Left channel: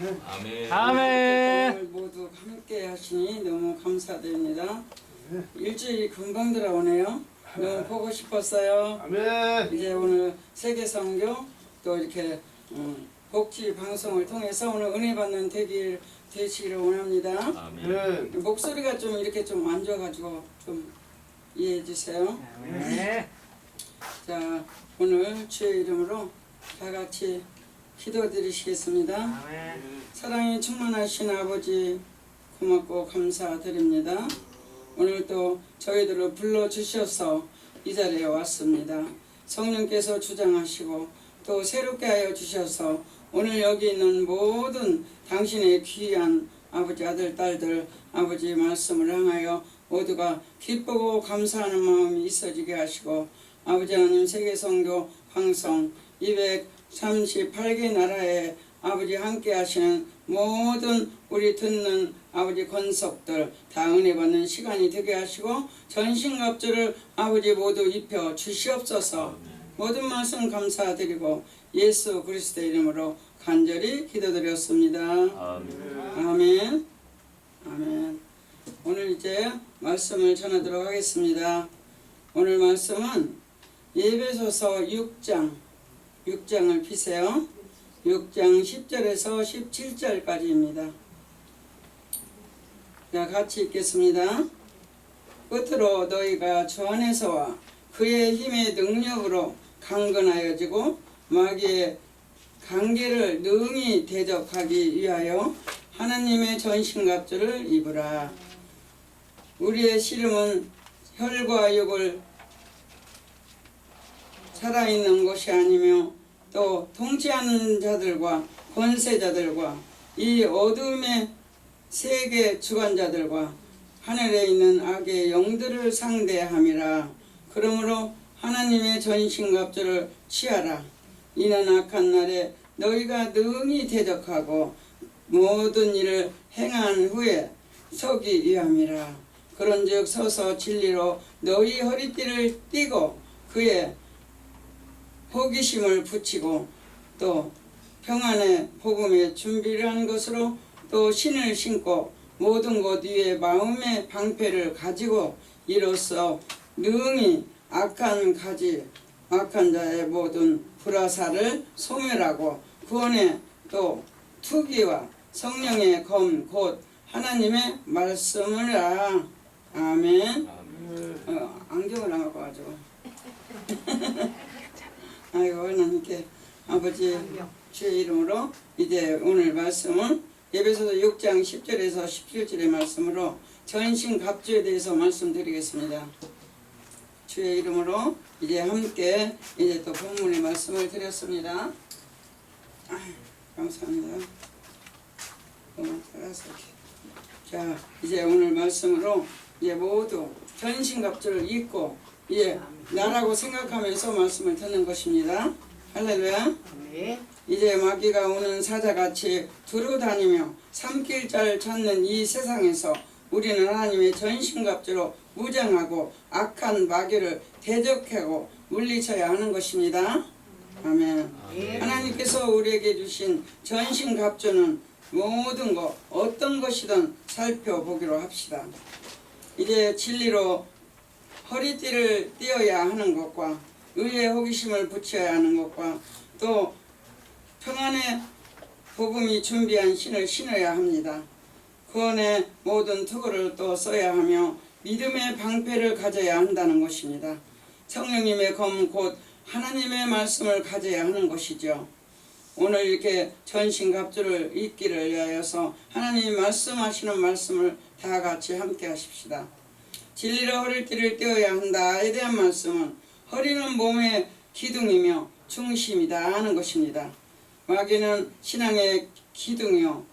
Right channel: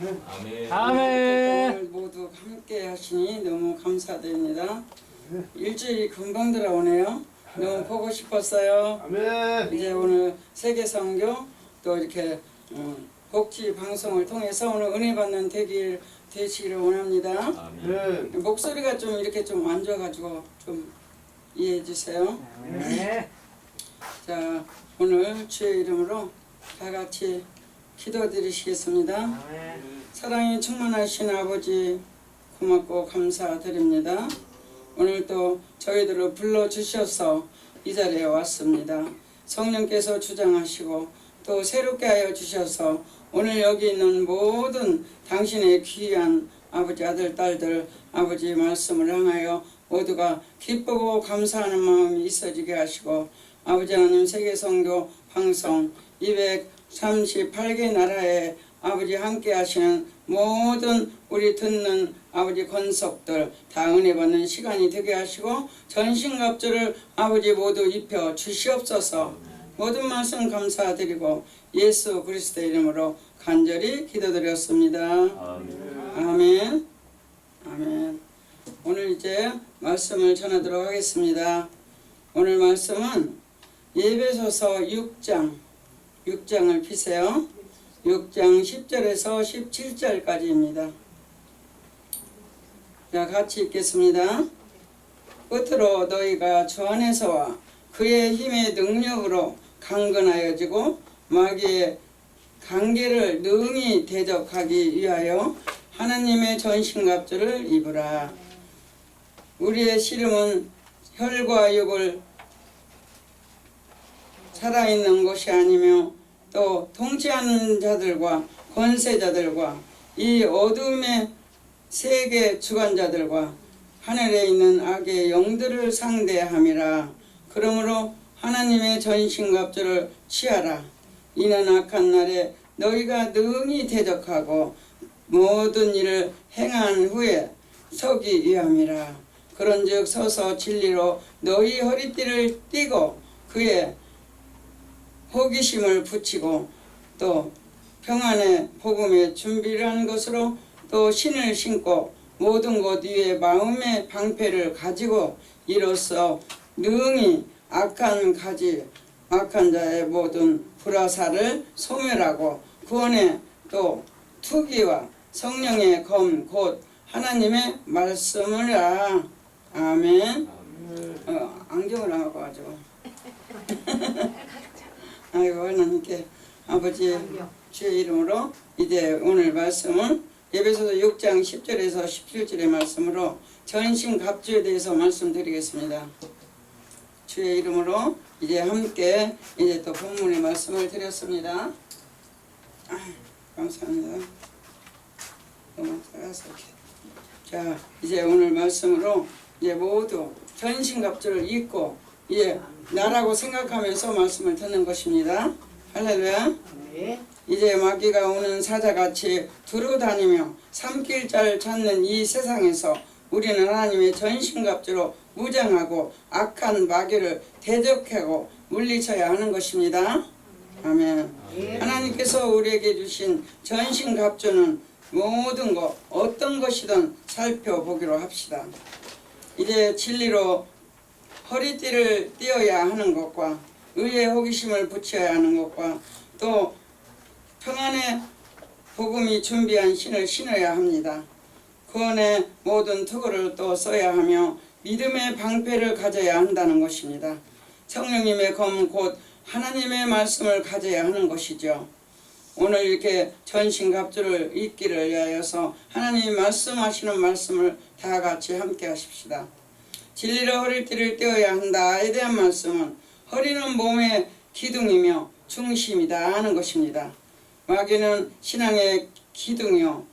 아멘. 아멘. 오늘 모두 함께 하시니 너무 감사드립니다. 일주일이 금방 들어오네요. 너무 보고 싶었어요. 아멘. 이제 오늘 세계선교 또 이렇게 복지 방송을 통해서 오늘 은혜 받는 되시기를 원합니다. 아멘. 목소리가 좀 이렇게 좀 안 좋아가지고 좀 이해해 주세요. 아멘. 자, 오늘 주의 이름으로 다 같이 기도드리시겠습니다. 아멘. 사랑이 충만하신 아버지 고맙고 감사드립니다. 오늘 또 저희들을 불러주셔서 이 자리에 왔습니다. 성령께서 주장하시고 또 새롭게 하여 주셔서 오늘 여기 있는 모든 당신의 귀한 아버지 아들 딸들 아버지 말씀을 향하여 모두가 기쁘고 감사하는 마음이 있어지게 하시고 아버지 하나님 세계선교 방송 238개 나라에 아버지 함께 하시는 모든 우리 듣는 아버지 권속들 다 은혜 받는 시간이 되게 하시고 전신갑주를 아버지 모두 입혀 주시옵소서. 모든 말씀 감사드리고 예수 그리스도의 이름으로 간절히 기도드렸습니다. 아멘. 아멘. 아멘. 오늘 이제 말씀을 전하도록 하겠습니다. 오늘 말씀은 에베소서 6장을 피세요. 6장 10절에서 17절까지입니다. 자, 같이 읽겠습니다. 끝으로 너희가 주 안에서와 그의 힘의 능력으로 강건하여지고 마귀의 관계를 능히 대적하기 위하여 하나님의 전신갑주를 입으라. 우리의 씨름은 혈과 육을 살아있는 것이 아니며 또 통치하는 자들과 권세자들과 이 어둠의 세계 주관자들과 하늘에 있는 악의 영들을 상대함이라. 그러므로 하나님의 전신갑주를 취하라. 이는 악한 날에 너희가 능히 대적하고 모든 일을 행한 후에 서기 위함이라. 그런즉 서서 진리로 너희 허리띠를 띠고 그의 호기심을 붙이고 또 평안의 복음의 준비를 한 것으로 또 신을 신고 모든 것 위에 마음의 방패를 가지고 이로써 능히 악한 자의 모든 불화살을 소멸하고 구원의 또 투기와 성령의 검 곧 하나님의 말씀을 아멘. 안경을 안 갖고 가지고 아이고 하나님께 아버지 주의 이름으로 이제 오늘 말씀은 에베소서 6장 10절에서 17절의 말씀으로 전신갑주에 대해서 말씀드리겠습니다. 주의 이름으로 이제 함께 이제 또 본문의 말씀을 드렸습니다. 감사합니다. 너무 잘해서 이렇게. 자, 이제 오늘 말씀으로 이제 모두 전신갑주를 입고 이제 나라고 생각하면서 말씀을 듣는 것입니다. 할렐루야. 이제 마귀가 오는 사자같이 두루 다니며 삼킬자를 찾는 이 세상에서 우리는 하나님의 전신갑주로 무장하고 악한 마귀를 대적하고 물리쳐야 하는 것입니다. 아멘. 하나님께서 우리에게 주신 전신갑주는 모든 것 어떤 것이든 살펴보기로 합시다. 이제 진리로 허리띠를 띄어야 하는 것과 의의 호기심을 붙여야 하는 것과 또 평안의 복음이 준비한 신을 신어야 합니다. 구원의 모든 투구를 또 써야 하며 믿음의 방패를 가져야 한다는 것입니다. 성령님의 검 곧 하나님의 말씀을 가져야 하는 것이죠. 오늘 이렇게 전신갑주를 입기를 위하여서 하나님이 말씀하시는 말씀을 다 같이 함께 하십시다. 진리로 허리띠를 떼어야 한다에 대한 말씀은 허리는 몸의 기둥이며 중심이다 하는 것입니다. 마귀는 신앙의 기둥이요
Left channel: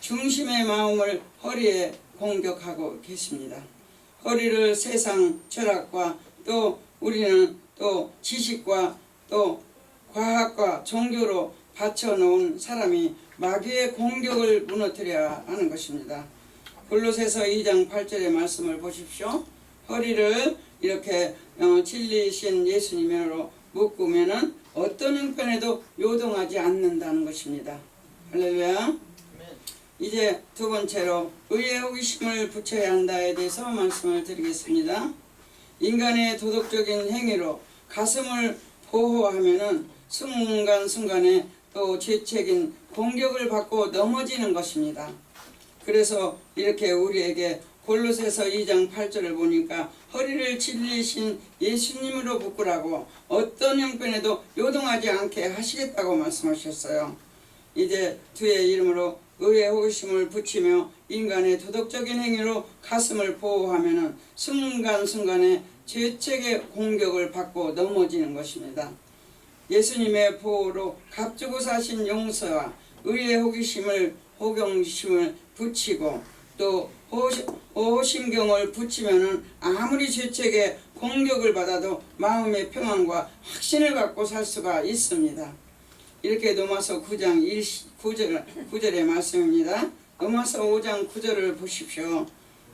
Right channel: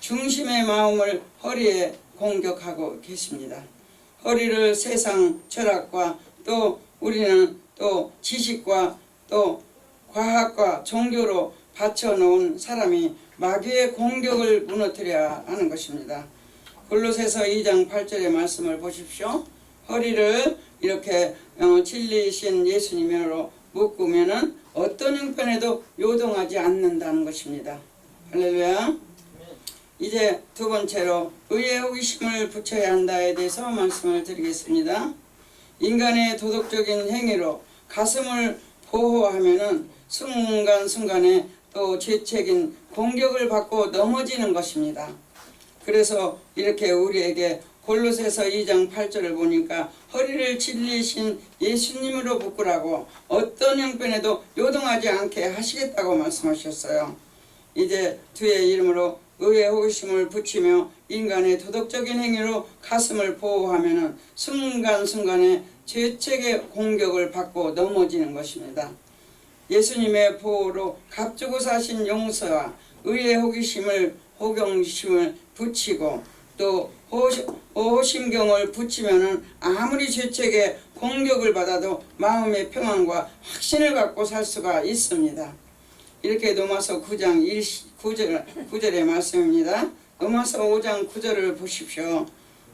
중심의 마음을 허리에 공격하고 계십니다. 허리를 세상 철학과 또 우리는 또 지식과 또 과학과 종교로 받쳐놓은 사람이 마귀의 공격을 무너뜨려야 하는 것입니다. 골로새서 2장 8절의 말씀을 보십시오. 허리를 이렇게 진리신 예수님으로 묶으면은 어떤 형편에도 요동하지 않는다는 것입니다. 할렐루야. 이제 두 번째로 의의 호기심을 붙여야 한다에 대해서 말씀을 드리겠습니다. 인간의 도덕적인 행위로 가슴을 보호하면은 순간순간에 또 죄책인 공격을 받고 넘어지는 것입니다. 그래서 이렇게 우리에게 골로새서 2장 8절을 보니까 허리를 찔리신 예수님으로 묶으라고 어떤 형편에도 요동하지 않게 하시겠다고 말씀하셨어요. 이제 주의 이름으로 의의 호기심을 붙이며 인간의 도덕적인 행위로 가슴을 보호하면은 순간순간에 죄책의 공격을 받고 넘어지는 것입니다. 예수님의 보호로 값주고 사신 용서와 의의 호경심을 붙이고 또 호심경을 붙이면은 아무리 죄책의 공격을 받아도 마음의 평안과 확신을 갖고 살 수가 있습니다. 이렇게 로마서 9장 9절의 말씀입니다. 로마서 5장 9절을 보십시오.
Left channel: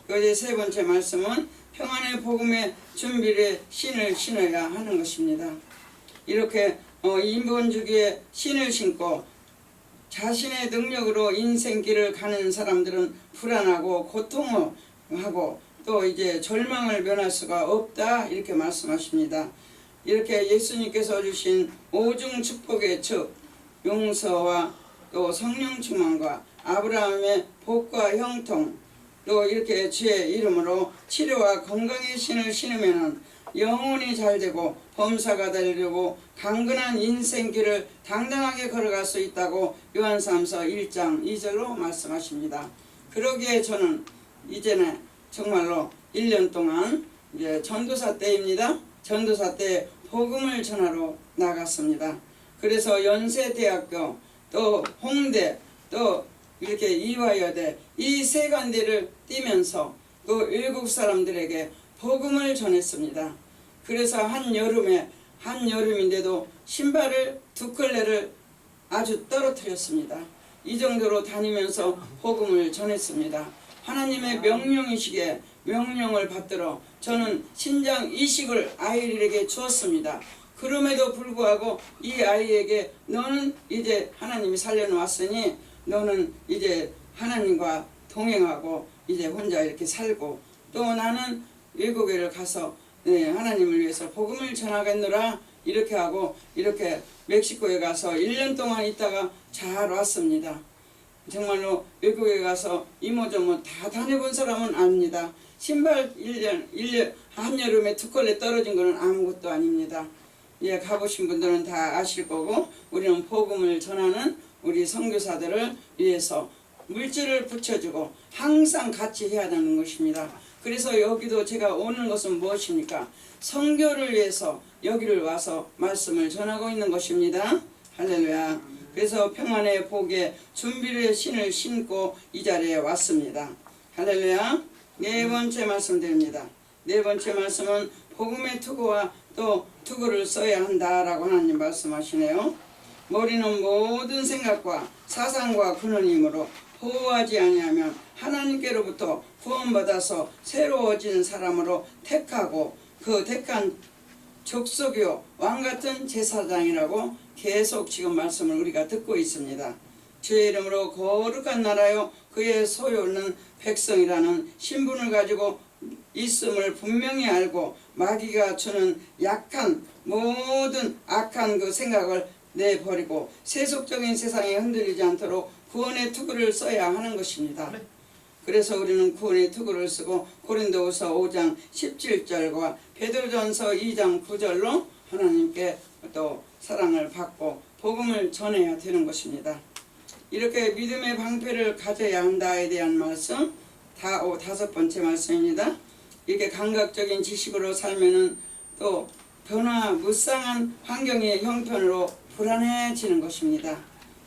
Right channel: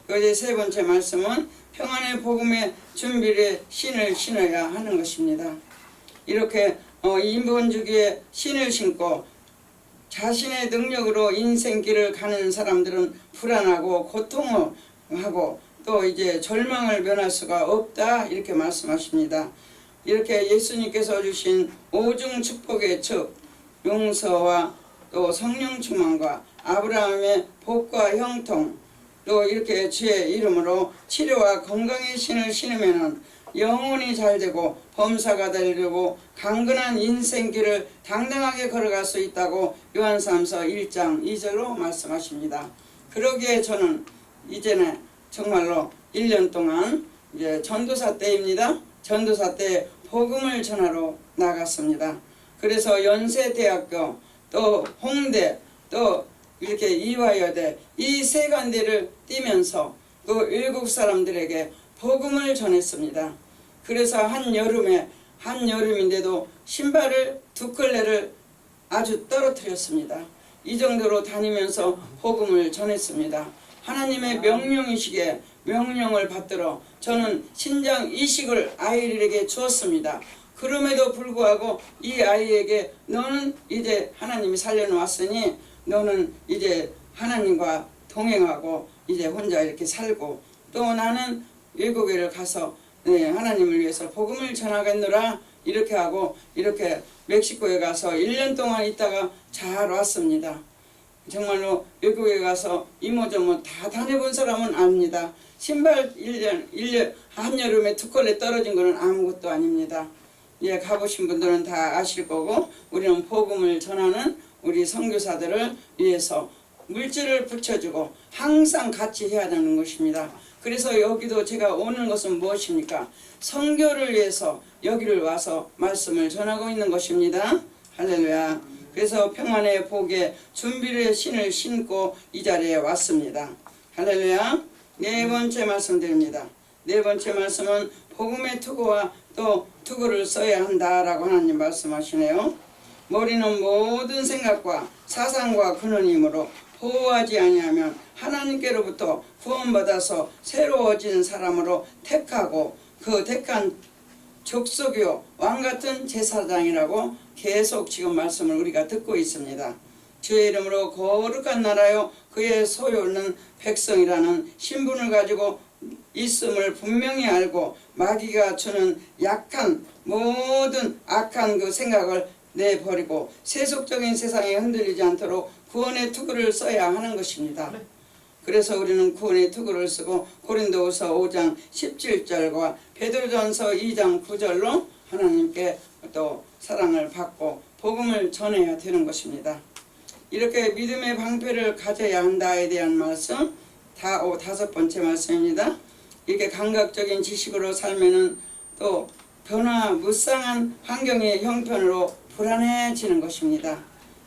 그제 세 번째 말씀은 평안의 복음의 준비를 신을 신어야 하는 것입니다. 이렇게 인본주기에 신을 신고 자신의 능력으로 인생길을 가는 사람들은 불안하고 고통하고 또 이제 절망을 면할 수가 없다 이렇게 말씀하십니다. 이렇게 예수님께서 주신 오중 축복의 즉 용서와 또 성령 충만과 아브라함의 복과 형통 또 이렇게 주의 이름으로 치료와 건강의 신을 신으면은 영혼이 잘되고 범사가 되려고 강건한 인생길을 당당하게 걸어갈 수 있다고 요한삼서 1장 2절로 말씀하십니다. 그러기에 저는 이제는 정말로 1년 동안 이제 전도사 때입니다. 전도사 때 복음을 전하러 나갔습니다. 그래서 연세대학교 또 홍대 또 이렇게 이화여대 이 세 간대를 뛰면서 또 외국 사람들에게 복음을 전했습니다. 그래서 한여름인데도 신발을 두 켤레를 아주 떨어뜨렸습니다. 이 정도로 다니면서 복음을 전했습니다. 하나님의 명령이시기에 명령을 받들어 저는 신장 이식을 아이에게 주었습니다. 그럼에도 불구하고 이 아이에게 너는 이제 하나님이 살려놓았으니 너는 이제 하나님과 동행하고 이제 혼자 이렇게 살고 또 나는 외국에 가서 하나님을 위해서 복음을 전하겠노라 이렇게 하고 이렇게 멕시코에 가서 1년 동안 있다가 잘 왔습니다. 정말로 외국에 가서 이모저모 다 다녀본 사람은 압니다. 신발 1년 한여름에 두 켤레 떨어진 거는 아무것도 아닙니다. 예, 가보신 분들은 다 아실 거고 우리는 복음을 전하는 우리 선교사들을 위해서 물질을 붙여주고 항상 같이 해야 되는 것입니다. 그래서 여기도 제가 오는 것은 무엇입니까? 선교를 위해서 여기를 와서 말씀을 전하고 있는 것입니다. 할렐루야. 그래서 평안의 복에 준비의 신을 신고 이 자리에 왔습니다. 할렐루야. 네 번째 말씀드립니다. 네 번째 말씀은 복음의 투구와 또 투구를 써야 한다라고 하나님 말씀하시네요. 머리는 모든 생각과 사상과 근원이므로 보호하지 아니하면 하나님께로부터 구원받아서 새로워진 사람으로 택하고 그 택한 족속이요 왕같은 제사장이라고 계속 지금 말씀을 우리가 듣고 있습니다. 주의 이름으로 거룩한 나라요 그의 소유는 백성이라는 신분을 가지고 있음을 분명히 알고 마귀가 주는 약한 모든 악한 그 생각을 내버리고 세속적인 세상에 흔들리지 않도록 구원의 투구를 써야 하는 것입니다. 그래서 우리는 구원의 투구를 쓰고 고린도후서 5장 17절과 베드로전서 2장 9절로 하나님께 또 사랑을 받고 복음을 전해야 되는 것입니다. 이렇게 믿음의 방패를 가져야 한다에 대한 말씀 다섯 번째 말씀입니다. 이렇게 감각적인 지식으로 살면은 또 변화무쌍한 환경의 형편으로 불안해지는 것입니다.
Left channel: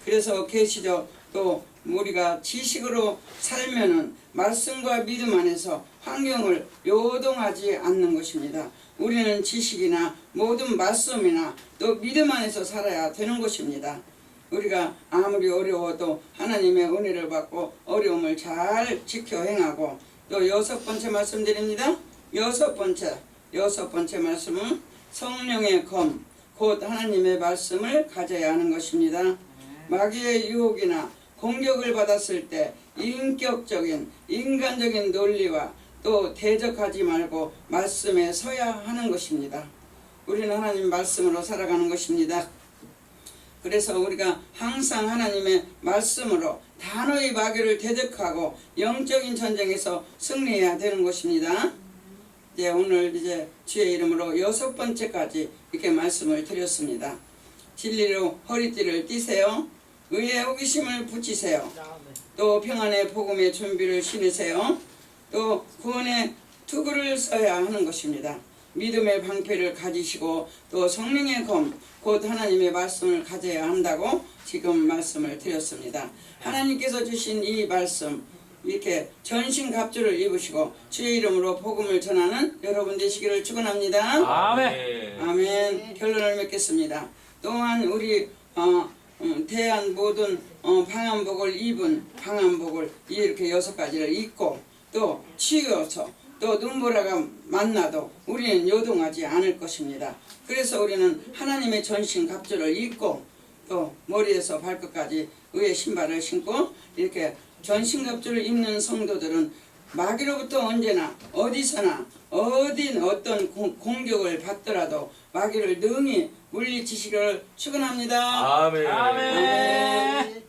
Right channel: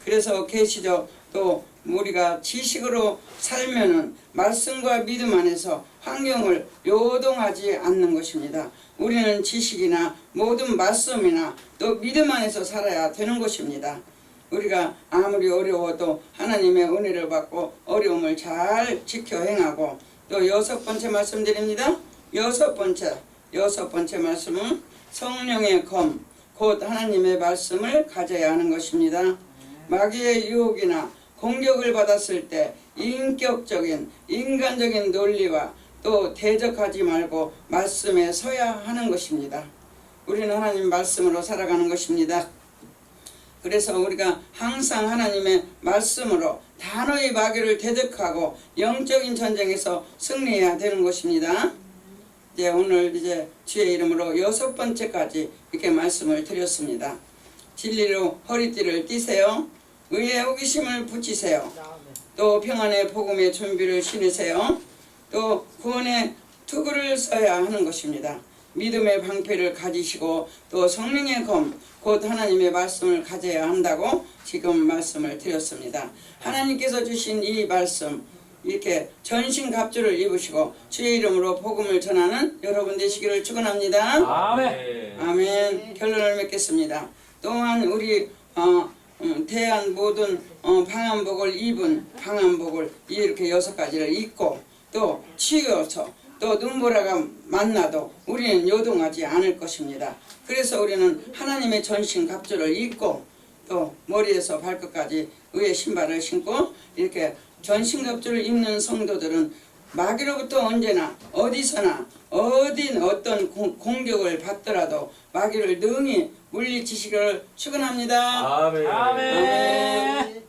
그래서 계시죠. 또 우리가 지식으로 살면은 말씀과 믿음 안에서 환경을 요동하지 않는 것입니다. 우리는 지식이나 모든 말씀이나 또 믿음 안에서 살아야 되는 것입니다. 우리가 아무리 어려워도 하나님의 은혜를 받고 어려움을 잘 지켜 행하고 또 여섯 번째 말씀드립니다. 여섯 번째 말씀은 성령의 검 곧 하나님의 말씀을 가져야 하는 것입니다. 마귀의 유혹이나 공격을 받았을 때 인격적인 인간적인 논리와 또 대적하지 말고 말씀에 서야 하는 것입니다. 우리는 하나님 말씀으로 살아가는 것입니다. 그래서 우리가 항상 하나님의 말씀으로 단호히 마귀를 대적하고 영적인 전쟁에서 승리해야 되는 것입니다. 이제 오늘 이제 주의 이름으로 6번째까지 이렇게 말씀을 드렸습니다. 진리로 허리띠를 띠세요. 의의 호기심을 붙이세요. 또 평안의 복음의 준비를 신으세요. 또 구원의 투구를 써야 하는 것입니다. 믿음의 방패를 가지시고 또 성령의 검, 곧 하나님의 말씀을 가져야 한다고 지금 말씀을 드렸습니다. 하나님께서 주신 이 말씀 이렇게 전신갑주를 입으시고 주의 이름으로 복음을 전하는 여러분 되시기를 축원합니다. 아멘. 아멘. 결론을 맺겠습니다. 또한 우리 대한 모든 방한복을 입은 방한복을 이렇게 6가지를 입고 또 치유어서 또 눈보라가 만나도 우리는 요동하지 않을 것입니다. 그래서 우리는 하나님의 전신 갑주를 입고 또 머리에서 발끝까지 의의 신발을 신고 이렇게 전신 갑주를 입는 성도들은 마귀로부터 언제나 어디서나 어떤 공격을 받더라도 마귀를 능히 물리치시기를 축원합니다. 아멘. 아멘.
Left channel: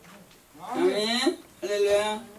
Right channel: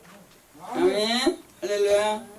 아멘. 할렐루야.